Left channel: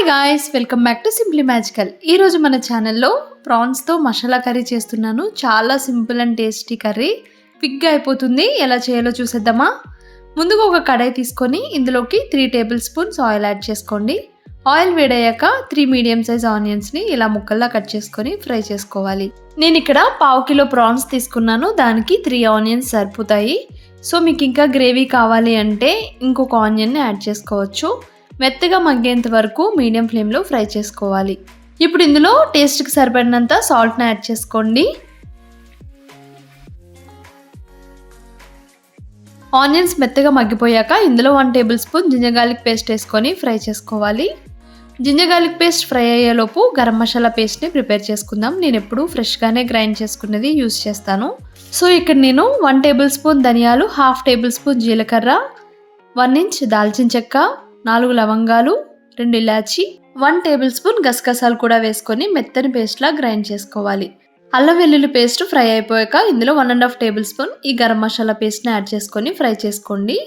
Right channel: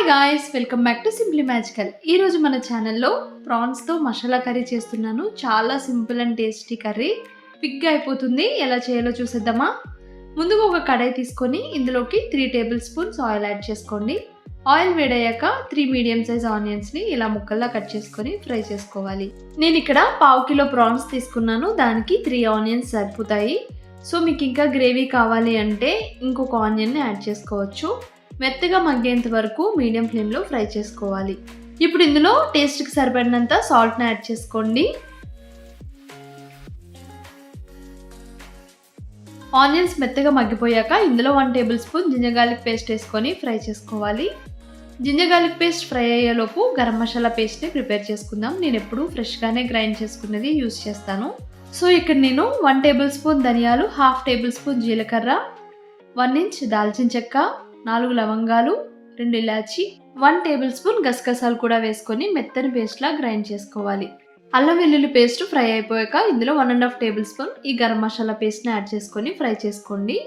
Hi guys, welcome back to simply magical. ఈరోజు మన ఛానల్లో ప్రాన్స్తో మసాలా కర్రీ చేస్తున్నాను. చాలా సింపుల్ అండ్ టేస్టీ కర్రీ, క్విక్గా అయిపోతుంది. ఎలా చేయాలో చూసేద్దామా? ముందుగా ఒక కడాయి తీసుకొని ఇందులోకి 3 టేబుల్ స్పూన్స్ ఆయిల్ యాడ్ చేసుకోండి. ఆయిల్ వేడయ్యాక 3 మీడియం సైజ్ ఆనియన్స్ని ఇలా ముక్కల్లా కట్ చేసుకొని ఫ్రై చేసుకోవాలి. నేను ఇక్కడ 1/2 కిలో ప్రాన్స్ తీసుకున్నాను. దానికి 3 ఆనియన్స్ సరిపోతాయి. సో మీకు ఇంకా గ్రేవీ కావాలి అంటే ఇంకొక ఆనియన్ని యాడ్ చేసుకోవచ్చు. మెత్తగా మగ్గేంత వరకు మీడియం ఫ్లేమ్లో ఫ్రై చేసుకోవాలి. ఇప్పుడు ఇందులో టేస్ట్కి సరిపడినంత సాల్ట్ని యాడ్ చేసుకోండి. ఆనియన్స్ మెత్తగా మగ్గిపోయాక ఇందులో 1 table spoon ginger garlic paste వేసుకొని ఫ్రై చేసుకోవాలి. జింజర్ గార్లిక్ పేస్ట్ ఫ్రై అయ్యేలోపు గరం మసాలా పేస్ట్ని ప్రిపేర్ చేసుకుందాం. నేను ఎప్పుడు ఫ్రెష్గానే గ్రైండ్ చేసుకున్నది యూస్ చేస్తాను. సో ఇక్కడ నేను 1 టేబుల్ స్పూన్ ధనియాలు, 1/2 టేబుల్ స్పూన్ జీలకర్ర, 1 ఇంచ్ దాల్చిన చెక్క, 4 లవంగాలు, 2 ఇలాచి, 1 టేబుల్ స్పూన్ గసగసాలు కూడా వేసుకొని మెత్తని పేస్ట్లా గ్రైండ్ చేసుకోవాలి. అల్లం వెల్లుల్లి పేస్ట్ ఫ్రై అయిపోయాక ఇందులో 1.5 టేబుల్ స్పూన్ ఈ గరం మసాలా పేస్ట్ని యాడ్ చేసుకొని ఫ్రై చేసుకోండి.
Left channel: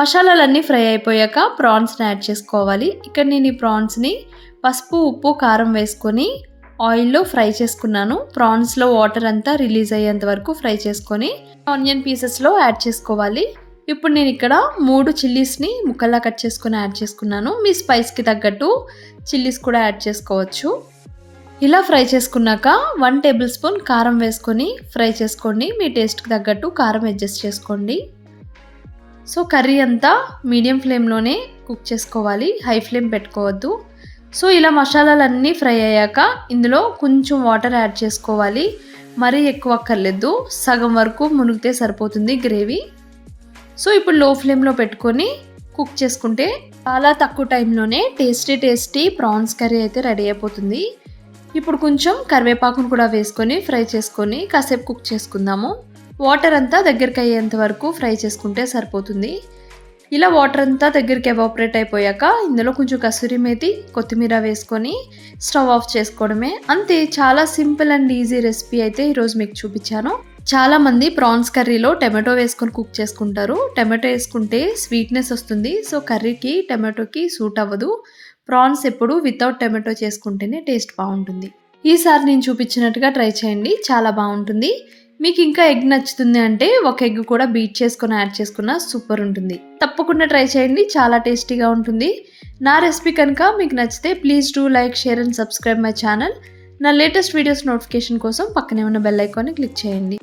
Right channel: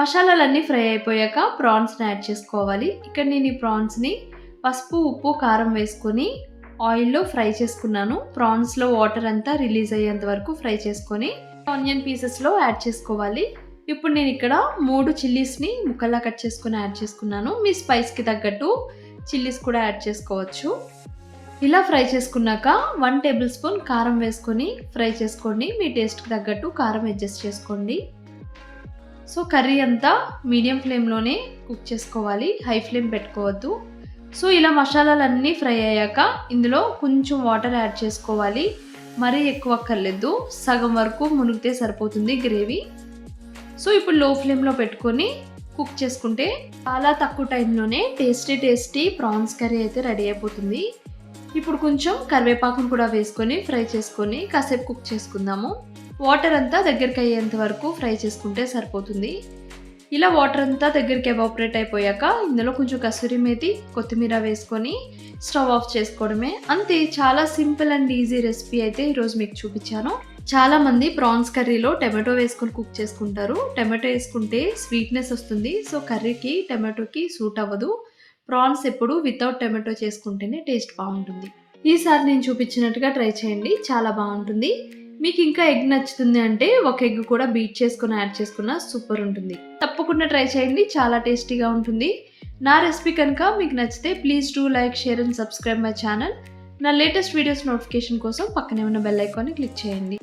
మసాలాలన్నీ ఫ్రై అయిపోయాక ప్రాన్స్ని యాడ్ చేసుకోవాలి. ఇక్కడ నేను ఈ ప్రాన్స్ని పసుపు, ఉప్పు, కారం వేసుకొని ఆయిల్లో ఫ్రై చేసుకున్నాను. ప్రాన్స్లో వాటర్ అంతా రిలీజ్ అయ్యేంత వరకు ఫ్రై చేసుకొని ఆనియన్ పీసెస్లో యాడ్ చేసుకోవాలి. ఇప్పుడు నేను ఇక్కడ 3 చిల్లీస్ని ముక్కల్లా కట్ చేసుకొని యాడ్ చేసుకున్నాను. మీ స్పైస్కి తగ్గట్టు చిల్లీస్ కూడా యాడ్ చేసుకోవచ్చు. ఇలా ఫ్రై చేసుకున్నాక 1 టేబుల్ స్పూన్ కారం వేసుకొని ఫ్రై చేసుకోండి. మీ టేస్ట్కి తగ్గట్టు కారం అడ్జస్ట్ చేసుకోండి. సో కర్రీ అంతా మీడియం ఫ్లేమ్లోనే కుక్ చేసుకోవాలి, హై ఫ్లేమ్ పెట్టుకోవద్దు. సో ఇలా మసాలాలన్నీ ఫ్రై అయ్యాక ఇందులో కొంచెం వాటర్ యాడ్ చేసుకోవాలి. మరీ ఎక్కువ అక్కర్లేదు, సగం వరకు మునిగితే సరిపోతుంది గ్రేవీ. సో ఇప్పుడు లో ఫ్లేమ్లో పెట్టుకొని కుక్ చేసుకుంటే చాలా తక్కువ టైంలోనే టేస్టీ ప్రాన్స్ కర్రీ అయితే రెడీ అయిపోతుంది. ఇప్పుడు కొంచెం కరివేపాకును కూడా వేసుకొని ఫ్రై చేసుకొని కాసేపు కుక్ చేసుకుందాము. వాటర్ అంతా దగ్గరికి అయ్యేంత వరకు ఫ్రై చేసుకుంటే సరిపోతుంది. ఇలా వాటర్ అంతా దగ్గరికి ఎవాపరేట్ అయిపోయాక ఇందులో కొంచెం కసూరి మేతి, కొత్తిమీర వేసుకొని స్టవ్ ఆఫ్ చేసుకోవడమే. అంతే, చాలా సింపుల్ అండ్ ఈజీ రెసిపీ అయితే ఈరోజు మీకు చూపించాను. చాలామంది ప్రాన్స్ కర్రీలో టమాటో వేసుకొని కుక్ చేసుకుంటారు. టమాటో వేసుకుంటే స్వీట్నెస్ వస్తుంది. సో కర్రీకి టమాటోకి సూట్ అవ్వదు. ప్రాన్స్ ఎప్పుడు వితౌట్ టమాటో చేసుకుంటేనే టేస్ట్ బాగుంటుంది. ఈసారి నేను చూపించినట్టుగా ట్రై చేయండి, చాలా బాగుంటుంది. మీకు ఇంకా ఎగ్ నచ్చుతుంది అంటే ఒక ఎగ్ కూడా బీట్ చేసుకొని యాడ్ చేసుకున్న సూపర్ ఉంటుంది. తప్పకుండా ట్రై చేయండి, చాలా టేస్టీగా ఉంటుంది. నా రెసిపీ కనుక మీకు నచ్చితే please do like, share and subscribe my channel. నా లేటెస్ట్ వీడియోస్ నోటిఫికేషన్ కోసం పక్కనే ఉన్న బెల్ ఐకాన్ని క్లిక్ చేయండి.